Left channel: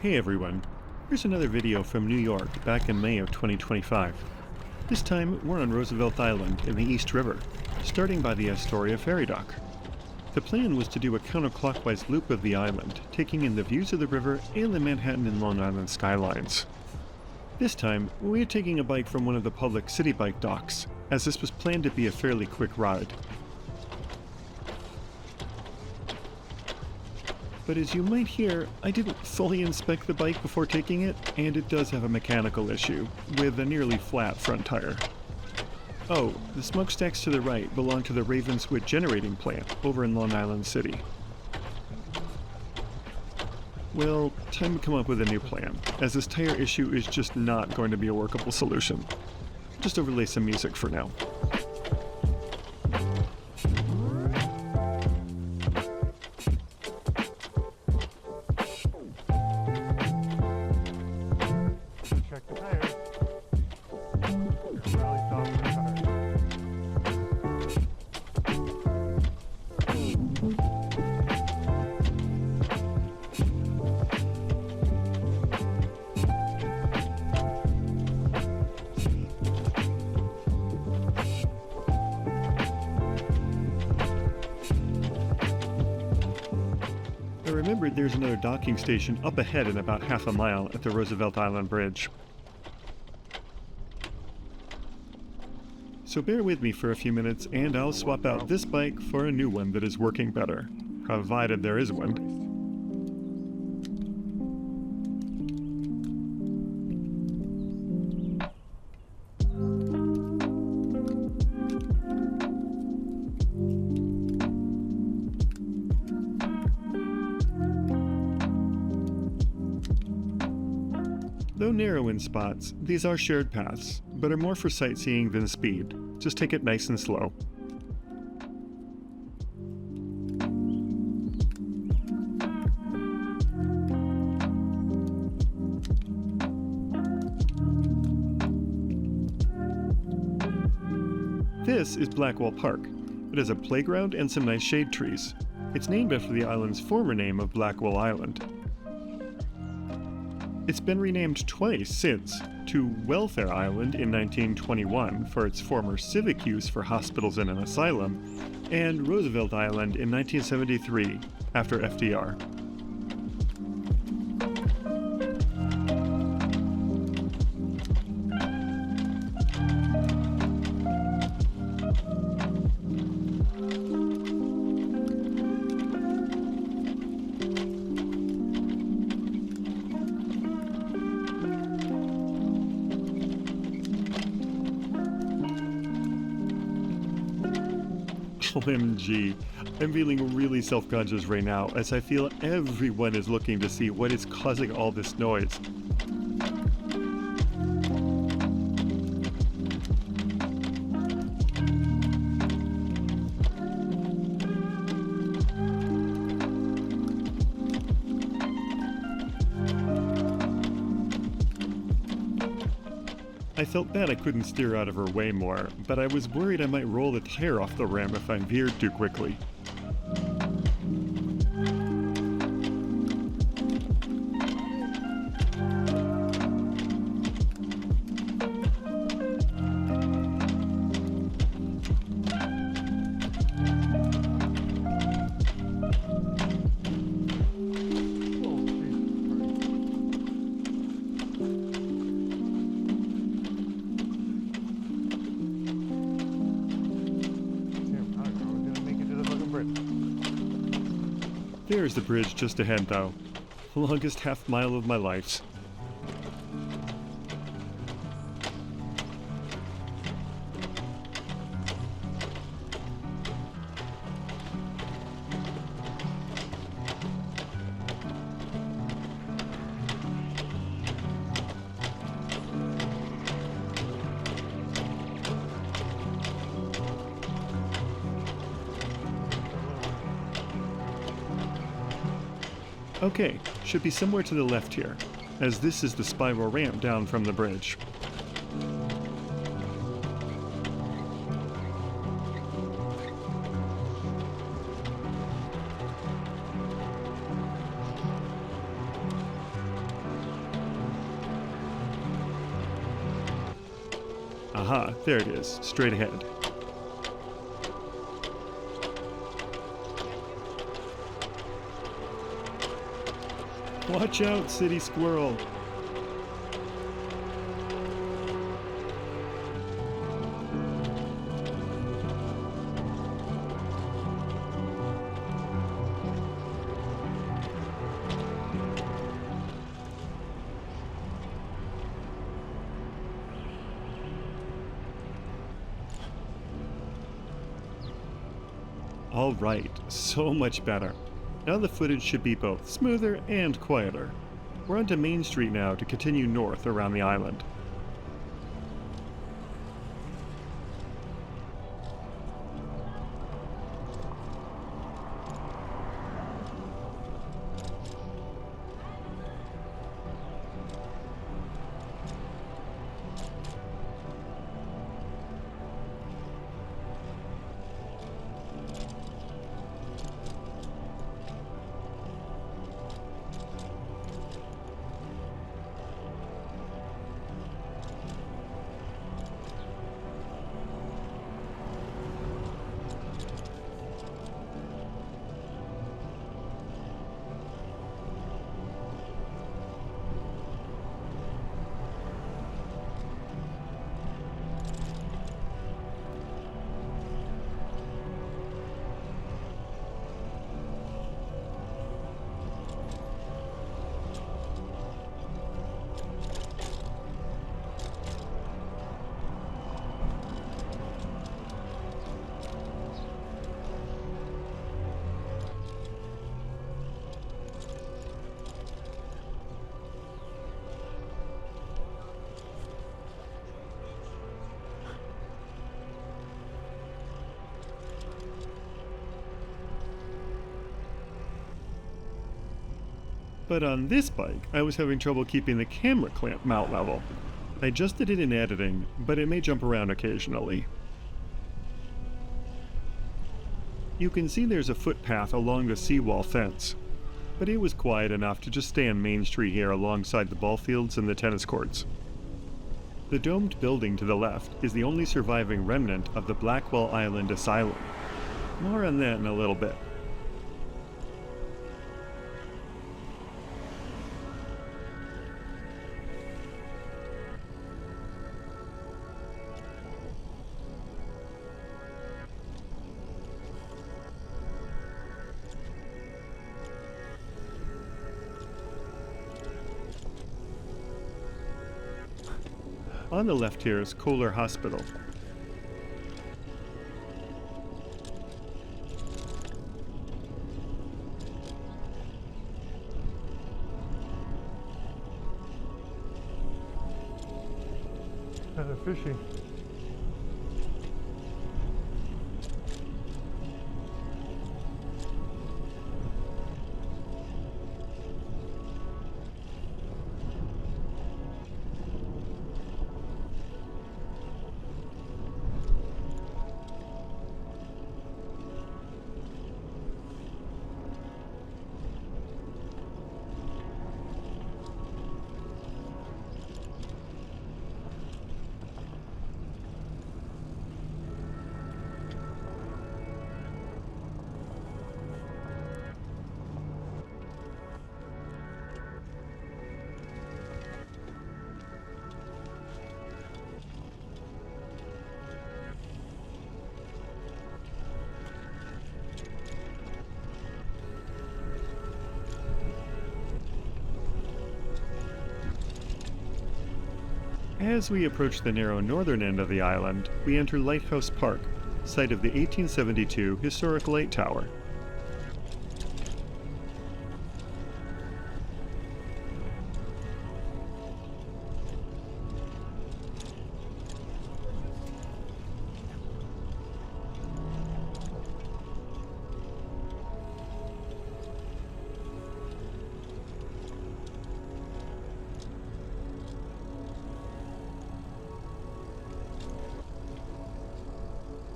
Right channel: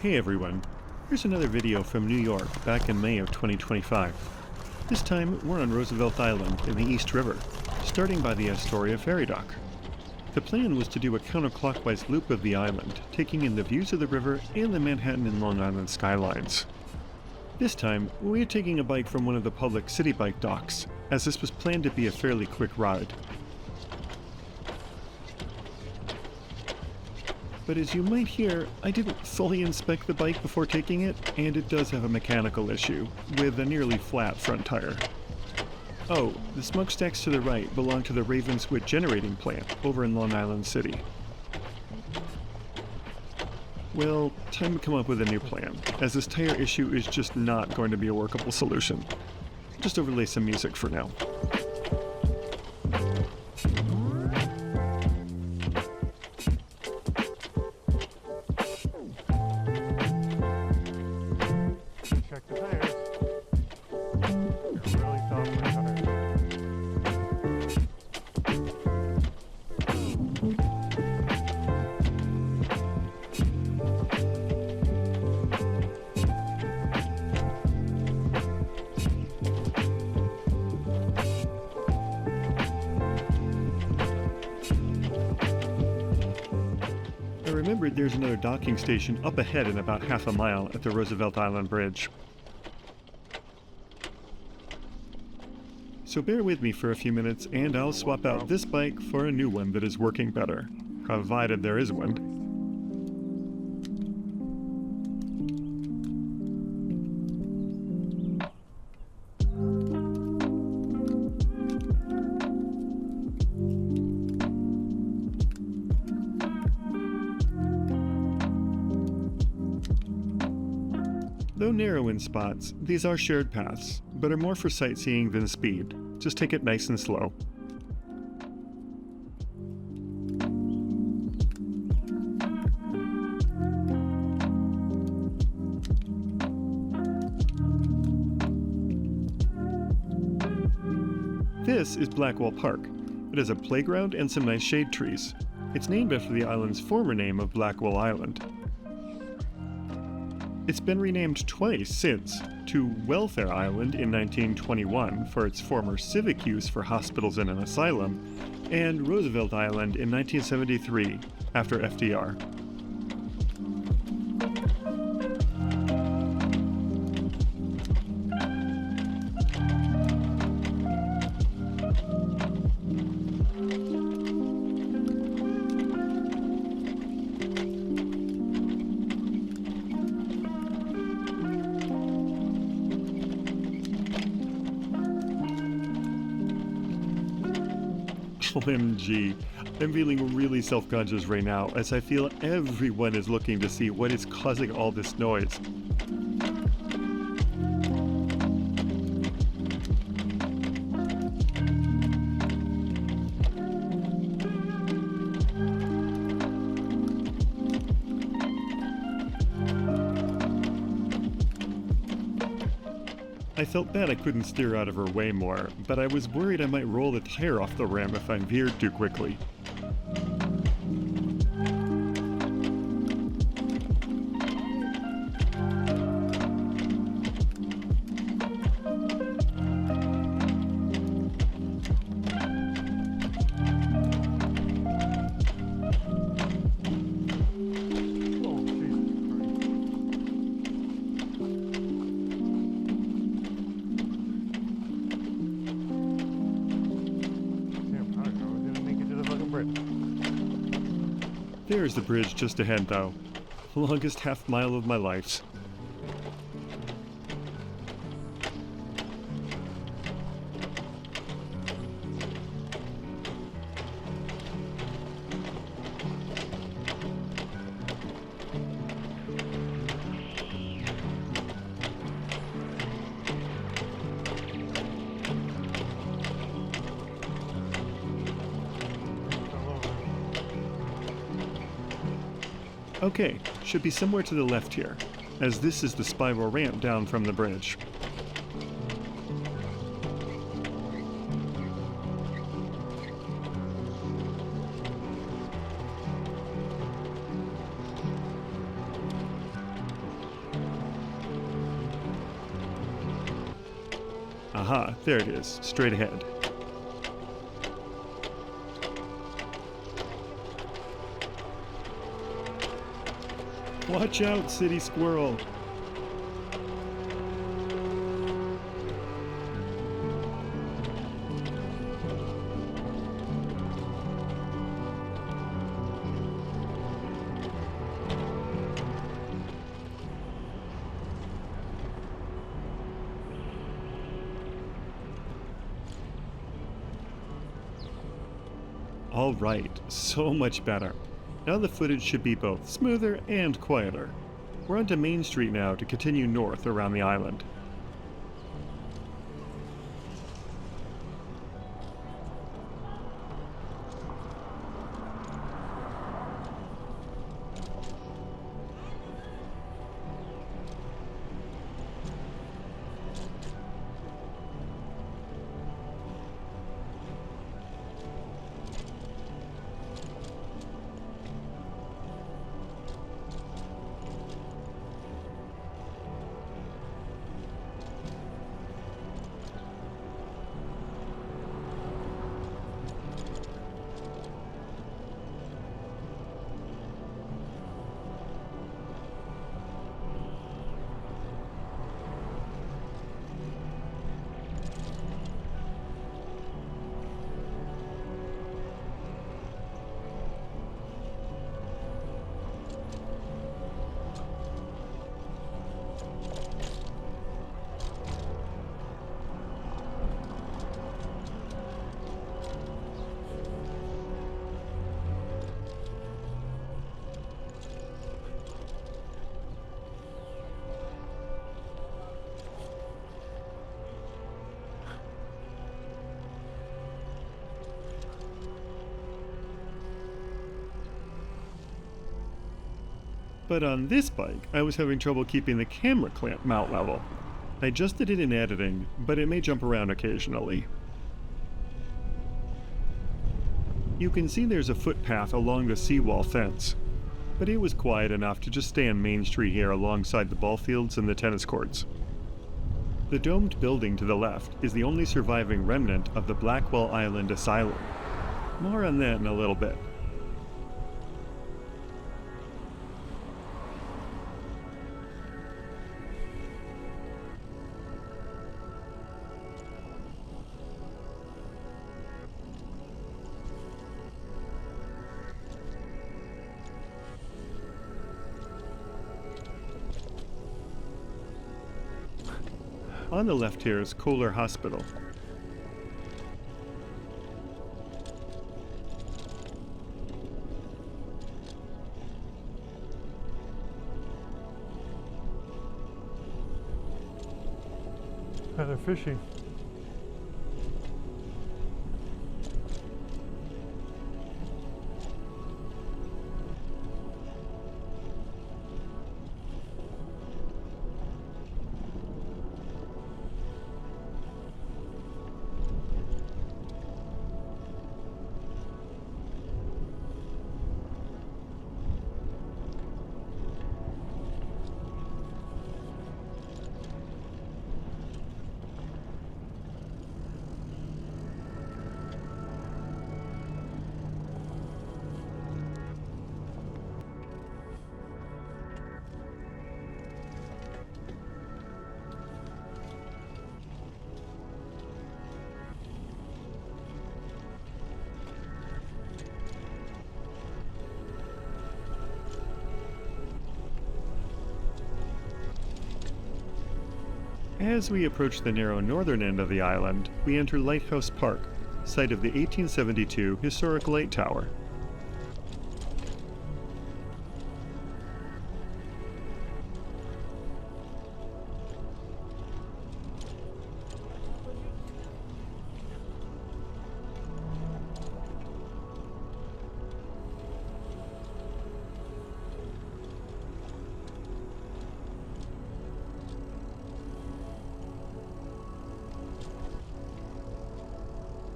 Hey everyone, here's another video from New York back in May of 2025. This time we're on Roosevelt Island in the East River, starting by the Astoria Ferry dock. The plan was to do a counterclockwise loop of the island, taking in the views of the river and the Manhattan and Long Island skylines. This time, we're taking a bike from one of the public Citibike docks, as this was planned to be a fairly quick ride. But as you might hear, I didn't fully inspect the bike before taking it, and it does have a mechanical issue, with a nearly flat front tire. Oh, the smokestacks to the right belong to the Ravenswood generating plant over in Long Island City. Well, time to come up with a new plan, as this tire issue is just not going to be a workable solution. Just overlay some music for now. Check the tires. Really soft tires. I remembered there's another docking station up ahead in about half a mile at the Roosevelt Island Bridge. So bear with me for a few minutes and I'll swap out this bike for a new one that is working better, provided there is one. Though narrow in spots, these are shared paths, but are more for sightseeing than speed. Just take it nice and slow. This is Blackwell Park. It has a playground and some nice shade trees. It's named after the island's former name of Blackwell Island. It's been renamed twice since, to Welfare Island in 1921 for its former civic use for hospitals and an asylum, and Roosevelt Island in 1973 after FDR. OMG, I'm feeling really self-conscious right now as I feel everyone is looking to see what is causing all this noise. I felt bad I couldn't steer out of her way more, but I was worried I might roll the tire off the rim if I veered too quickly. There's the bridge just ahead, though. Longest half mile of my life. Okay, should be somewhere to the left here, as this is the spiral ramp down from the bridge. Aha, there it is, straight ahead. Watch out, city squirrel! Alright, so much better. Now the footage should be both smoother and quieter. We're onto Main Street now to continue north around the island. But on this bike, I was having trouble keeping the camera clamp mount level. I adjusted it in editing, but it may jump around occasionally. You can see there's a footpath along the seawall fence, but it was quiet enough to just stay on Main Street here alongside the ball fields and the tennis courts. The domed building to the left is the only surviving remnant of the Blackwell Island Asylum. More on that in a little bit. On the left here is Kohler Hospital. And they're fishing. As we approach the narrow northern end of the island, we enter Lighthouse Park, site of the 1872 historic light tower.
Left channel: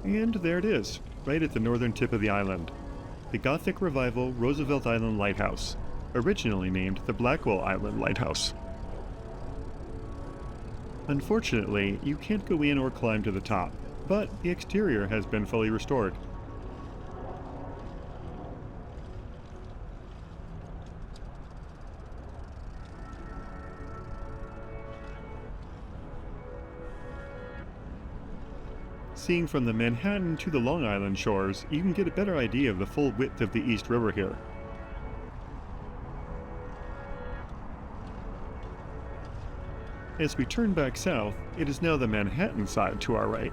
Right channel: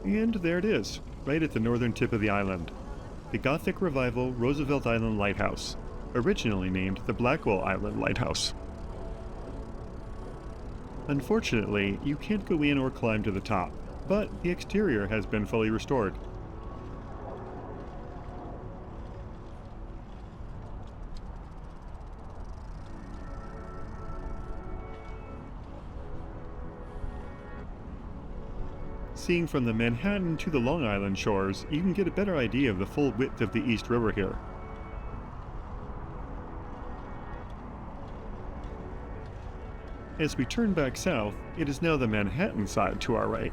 And there it is, right at the northern tip of the island. The Gothic Revival Roosevelt Island Lighthouse, originally named the Blackwell Island Lighthouse. Unfortunately, you can't go in or climb to the top, but the exterior has been fully restored. Seeing from the Manhattan to the Long Island shores, you can get a better idea of the full width of the East River here. As we turn back south, it is now the Manhattan side to our right.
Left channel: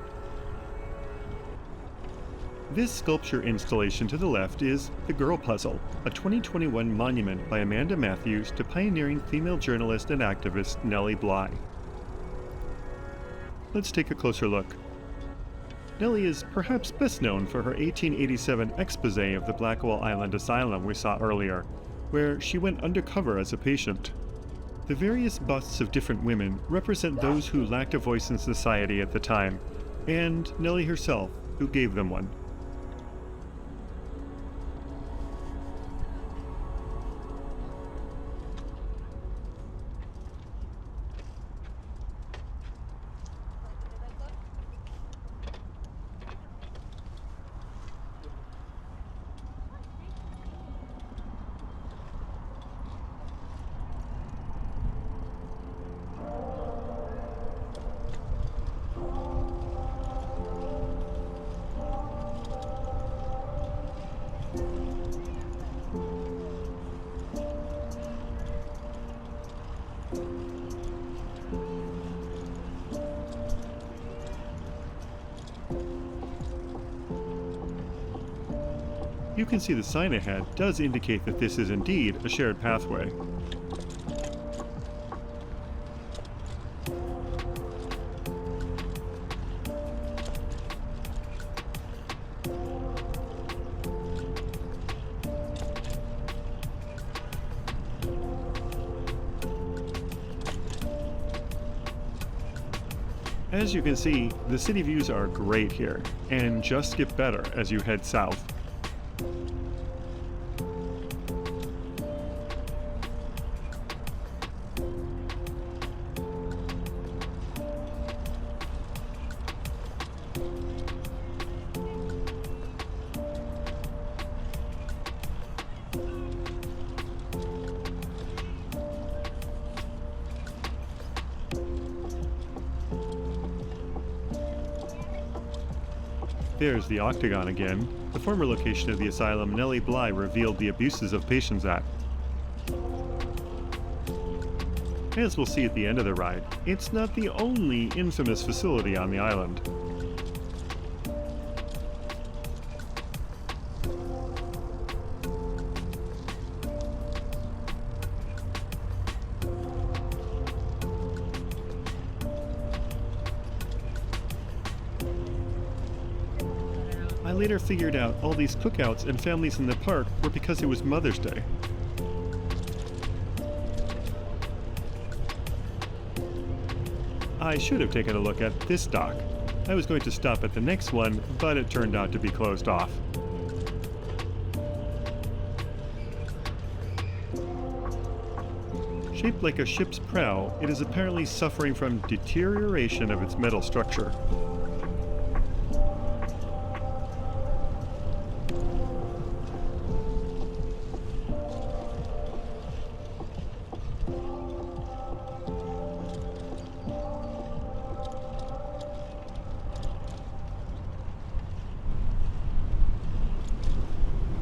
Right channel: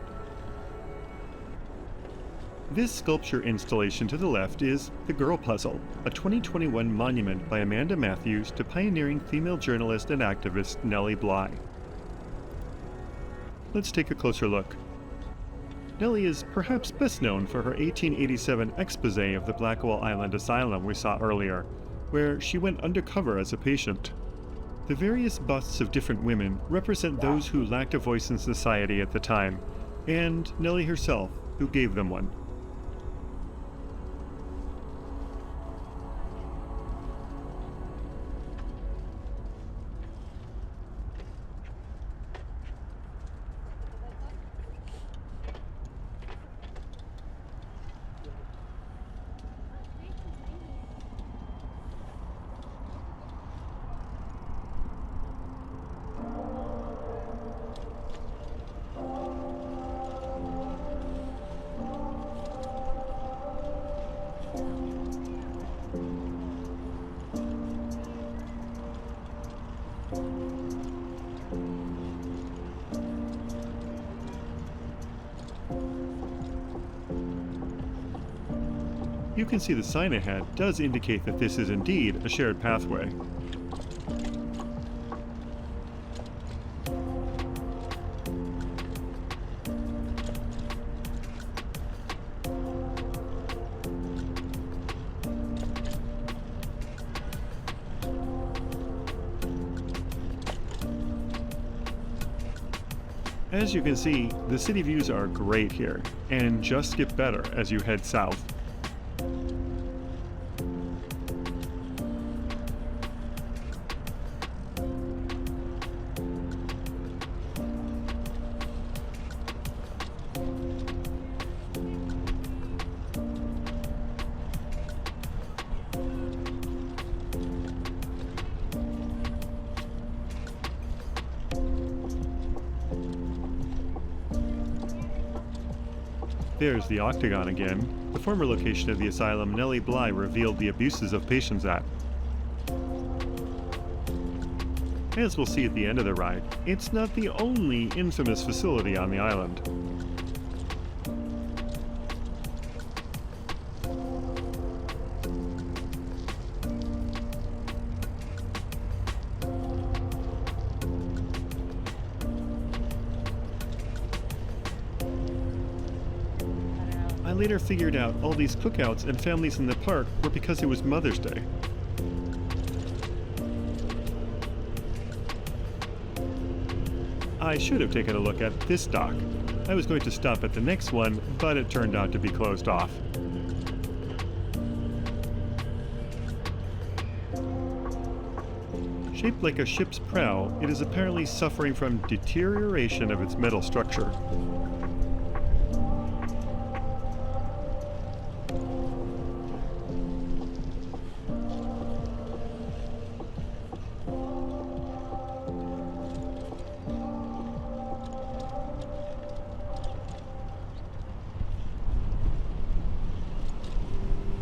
This sculpture installation to the left is The Girl Puzzle, a 2021 monument by Amanda Matthews to pioneering female journalist and activist Nellie Bly. Let's take a closer look. Nellie is perhaps best known for her 1887 exposé of the Blackwell Island Asylum we saw earlier, where she went undercover as a patient. The various busts of different women represent those who lacked a voice in society at the time, and Nellie herself, who gave them one. You can see the sign ahead does indicate that this is indeed a shared pathway. As you can see, the city views are great here, and just get better as you head south. There's the Octagon again, the former location of the asylum Nellie Bly revealed the abuses of patients at. As we'll see at the end of the ride, it's not the only infamous facility on the island. I later figured out all these cookouts and families in the park were because it was Mother's Day. I should have taken a look at this dock. I was going to stop at the next one, but it turned out to be closed off. Shaped like a ship's prow, it is apparently suffering from deterioration of its metal structure.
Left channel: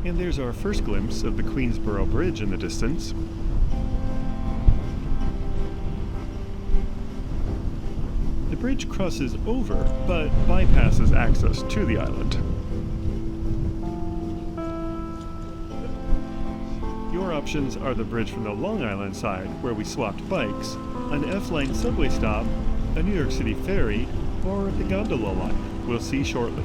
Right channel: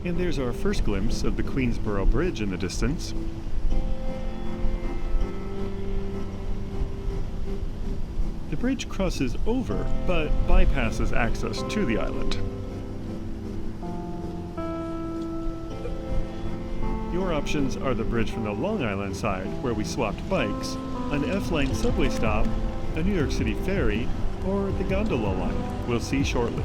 And there's our first glimpse of the Queensboro Bridge in the distance. The bridge crosses over, but bypasses access to the island. Your options are the bridge from the Long Island side, where we swapped bikes, an F-line subway stop, a New York City ferry, or the gondola line. We'll see shortly.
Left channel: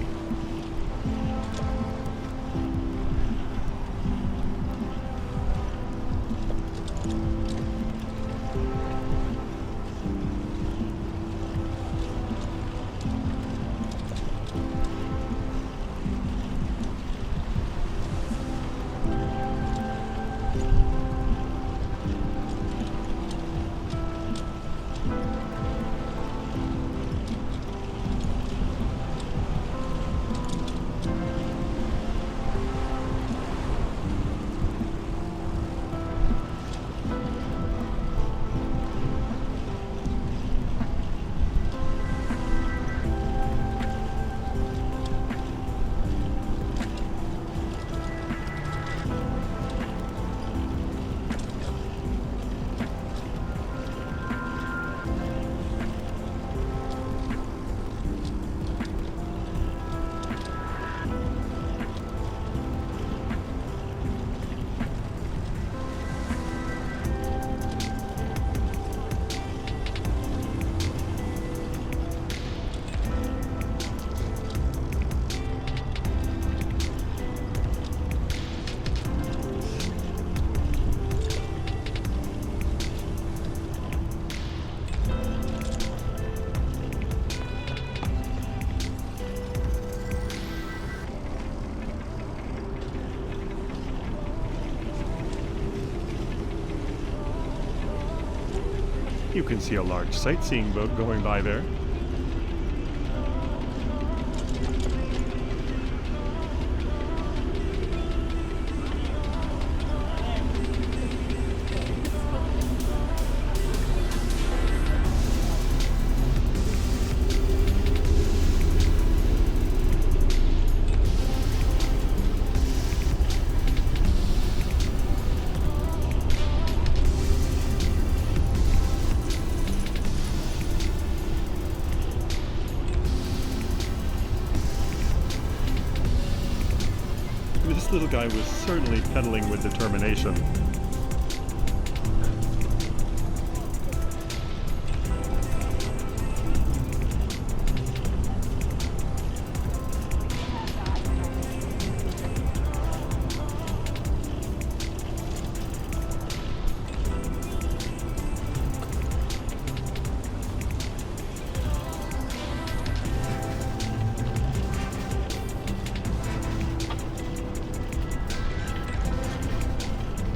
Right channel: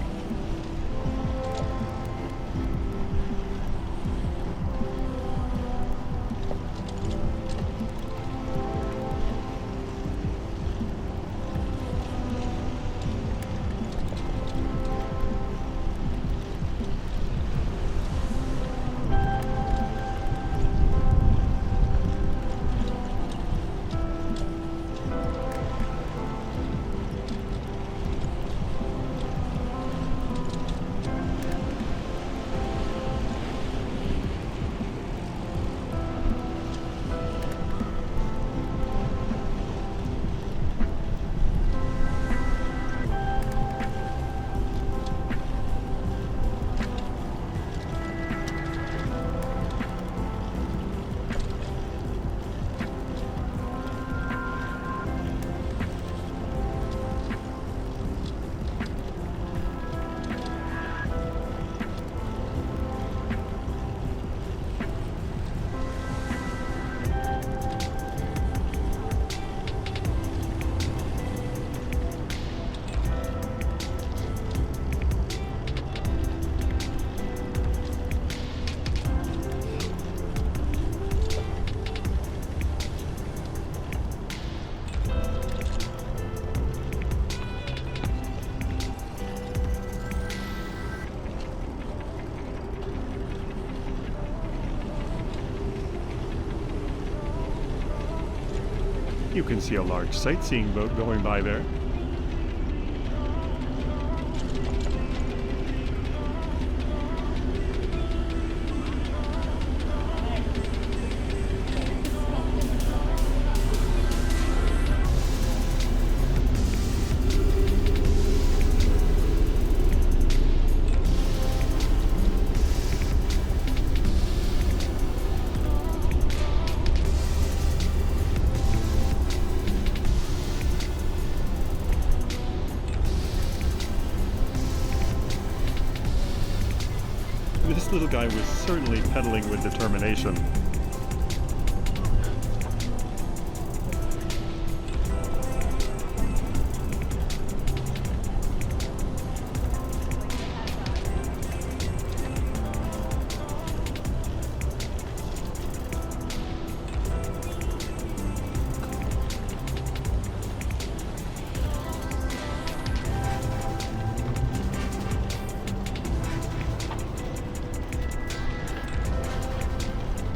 You can see a large sightseeing boat going by there. This little guy was certainly pedaling with determination.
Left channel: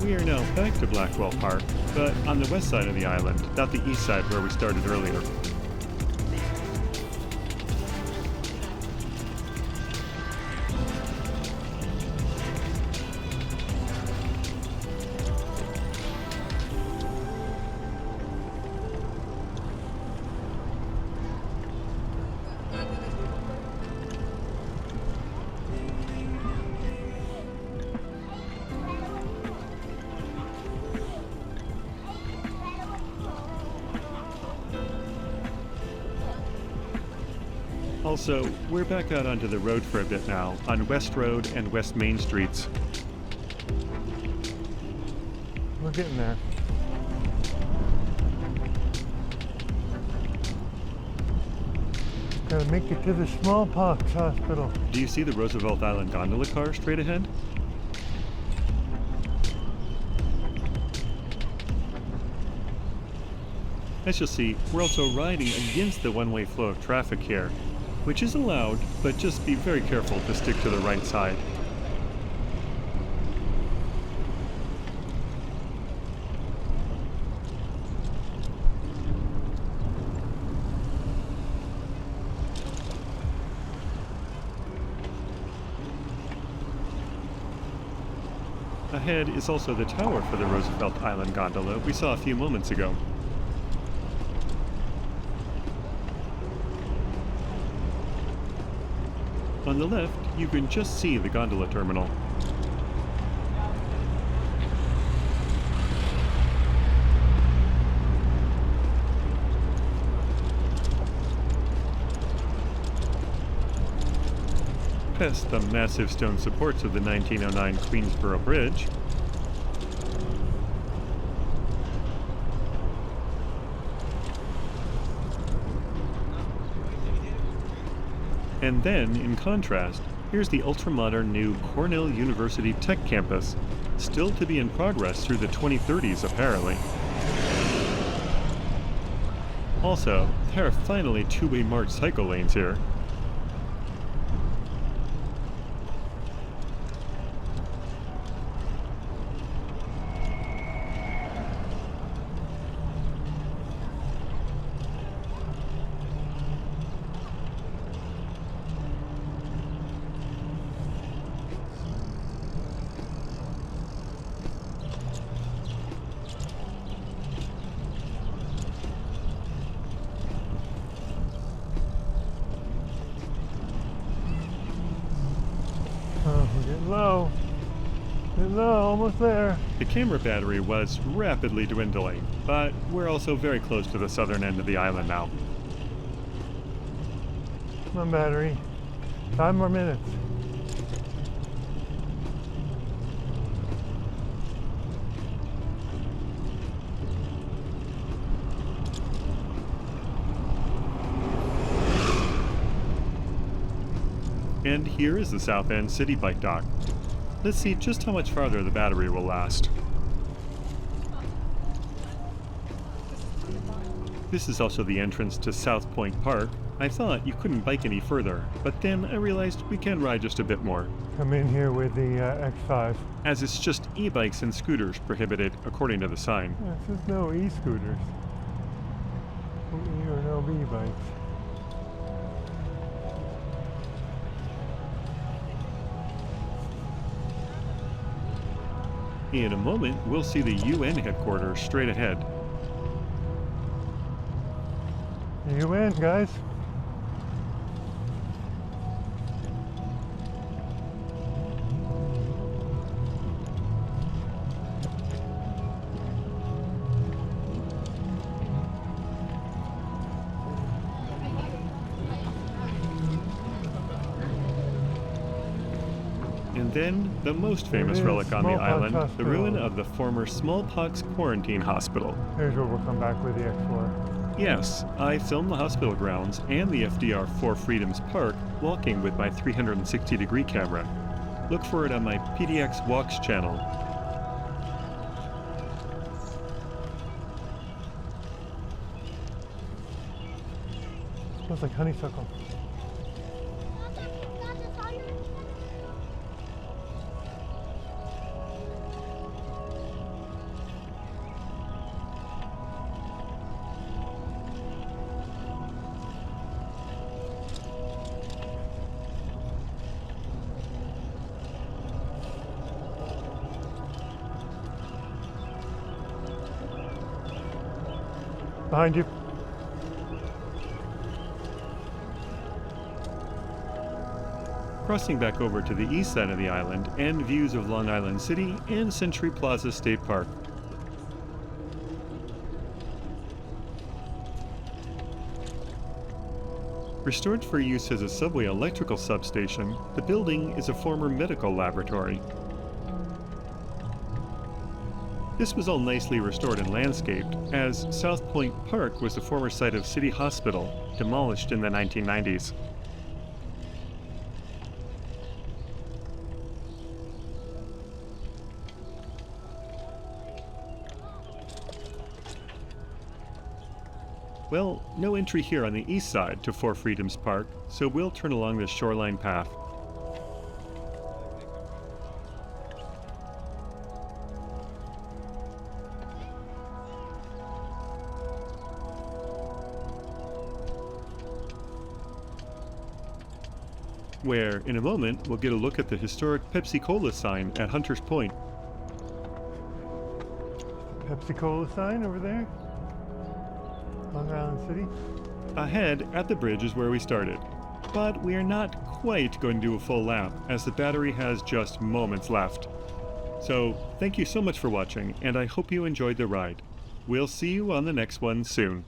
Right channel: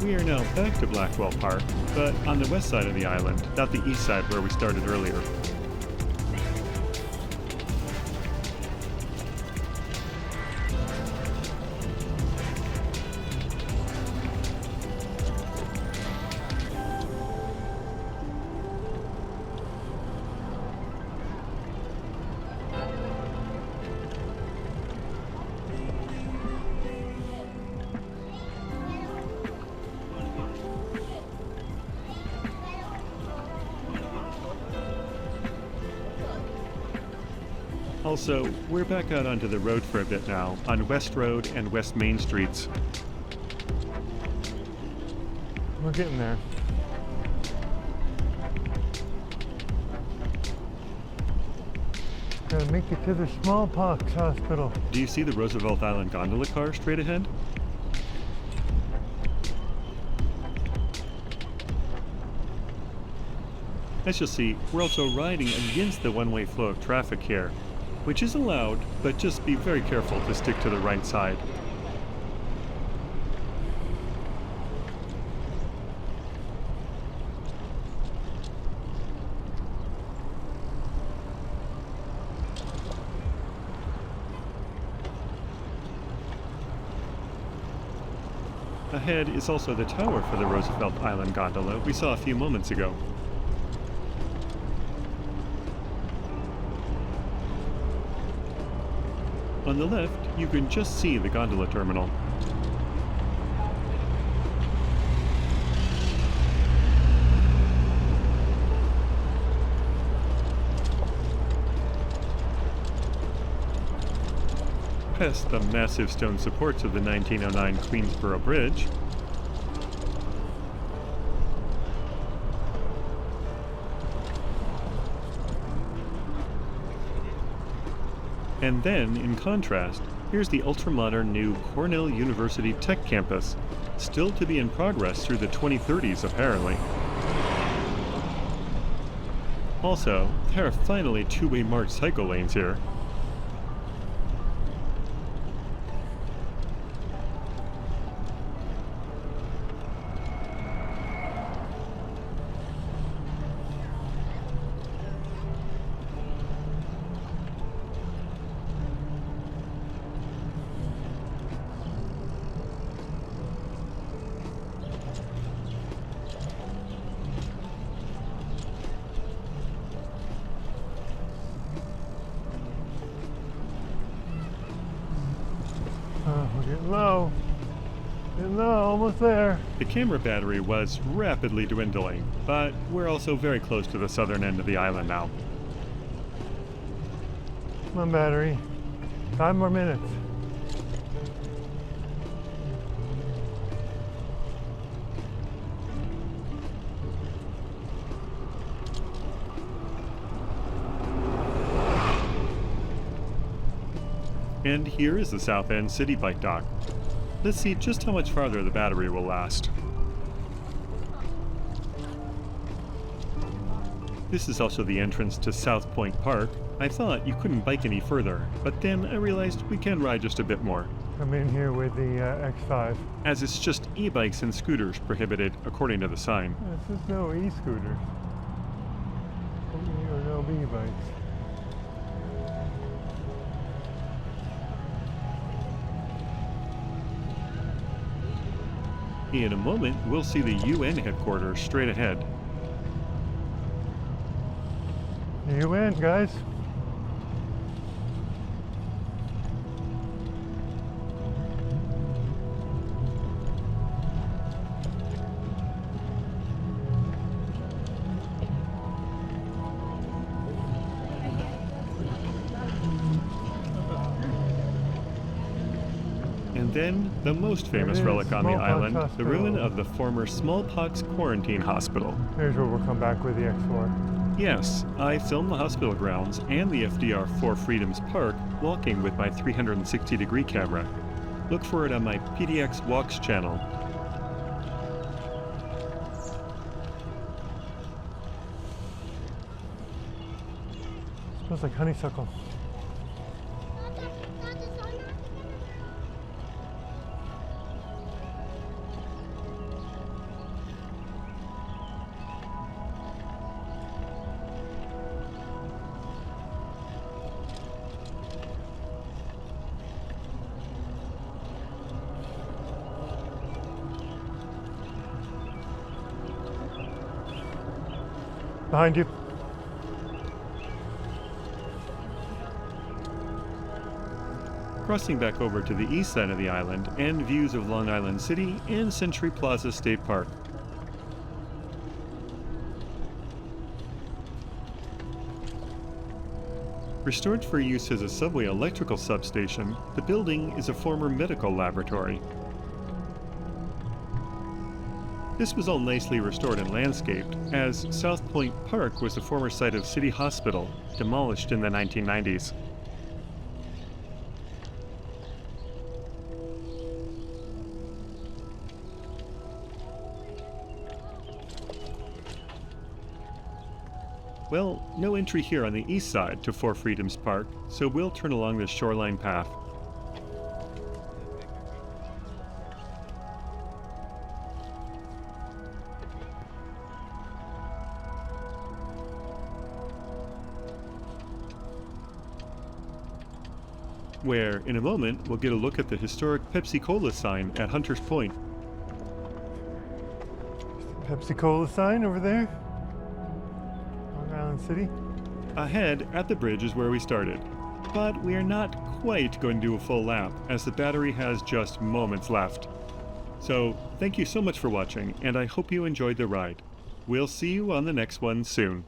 We are now back to Blackwell Park, but on the west side of the island, not the east side where we started earlier. Also, we're back out onto the road for a bit now, on West Road and West Main Streets. We're getting there. Gonna make it to the Smallpox hospital. Do you see the Roosevelt Island gondola car straight ahead? As you'll see, we're also riding against the one-way flow of traffic here, which is allowed, but just be very careful to stick to the right side. Ahead is also the tower for the Roosevelt Island gondola we saw a few moments ago. On the left, you can just see the gondola terminal. Past the massive stone supports of the 1909 Queensboro Bridge, and then, in contrast, here's the ultra-modern new Cornell University Tech Campus, still to be in progress through the 2030s apparently. Also, there are finally two-way marked cycle lanes here. We're getting low. Getting low, almost there. The camera battery was rapidly dwindling, but we're also very close to the southern end of the island now. No battery. 5 more minutes. And here is the South End Citibike dock. Let's see just how much farther the battery will last. This is also the entrance to Southpoint Park. I thought you couldn't bike any further, but then I realized we can ride just a bit more, Come in here with the X5. as it's just e-bikes and scooters prohibited according to the sign. This is no e-scooters. Or no bikes. In a moment, we'll see the UN headquarters straight ahead. UN, guys. And then, the most famous relic on the Smallpox island, the hospital. ruin of the former Smallpox quarantine hospital. Here's where we'll come back with the X4. Yes, I filmed the hospital grounds and the FDR Four Freedoms Park walking with my 360-degree camera. Look for it on my PDX Walks channel. Smells like honeysuckle. Behind you. Crossing back over to the east side of the island and views of Long Island City and Century Plaza State Park. Restored for use as a subway electrical substation, the building is a former medical laboratory. This was all nicely restored and landscaped, as Southpoint Park was the former site of City Hospital, demolished in the 1990s. Well, no entry here on the east side to Four Freedoms Park, so we'll turn along this shoreline path. Where, in a moment, we'll get a look at the historic Pepsi-Cola sign at Hunter's Point. Pepsi-Cola sign over there. Long Island City. Ahead, at the bridge, is where we started. But we are not quite going to do a full lap, as the battery has just moments left. So, thank you so much for watching, and I hope you enjoyed the ride. We'll see you on the next one soon.